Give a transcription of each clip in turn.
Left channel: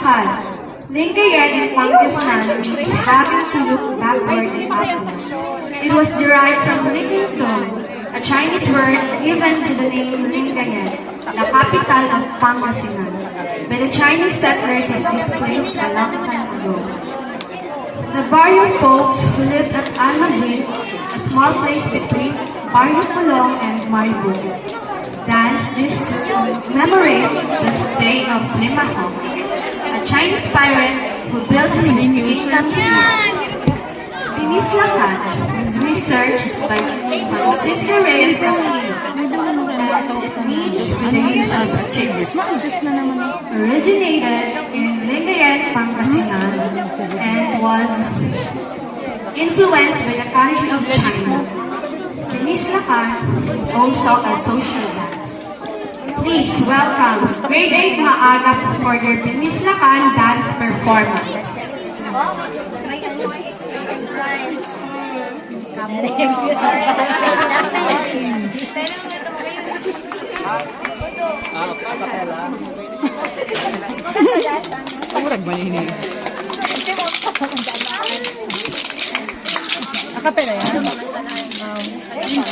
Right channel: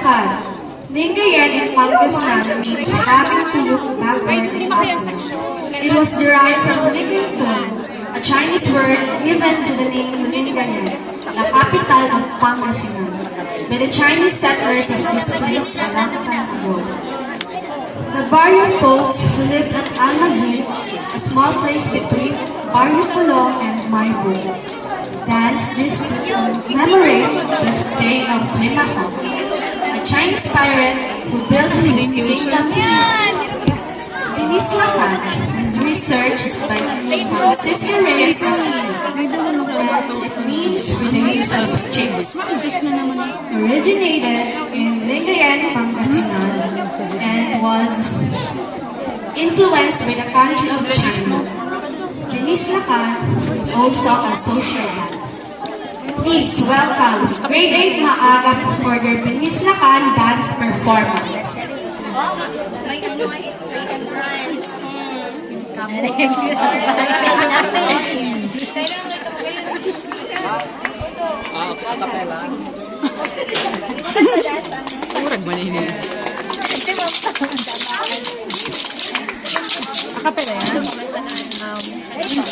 Lakan. Lingayen in Pangasinan means having to look backward and upward. It was derived from Lingington, a Chinese word given to the name Lingayen, the capital of Pangasinan, by the Chinese settlers of this place a long time ago. The Barrio folks who lived at Almazil, a small place between Barrio Pulong and Maribog, danced this to commemorate the stay of Limahong, a Chinese pirate who built his kingdom here. Binislakan was researched by Francisco Reyes Aquino, and it means with the use of sticks. Originated in Lingayen, Pangasinan, and was influenced by the country of China. Binislakan is also a social dance. Please welcome Grade 8 Maagap for their Binislakan dance performance. Kurang ba ini? Akapela yan?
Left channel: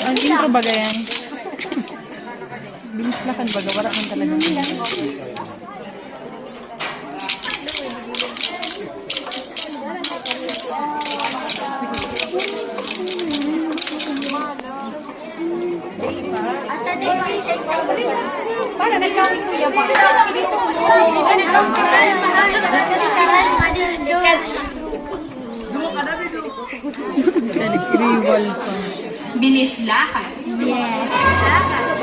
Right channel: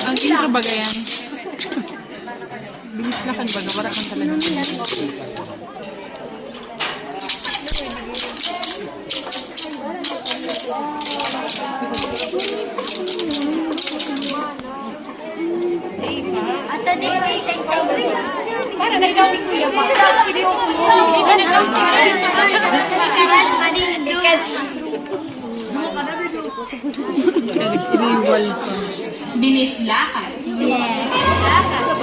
Ang intro baga yan? Binislakan baga, wala kang talagang intro. Para nag-loading ko yun. Video ko. Iriwal pa. Binislakan. Yes.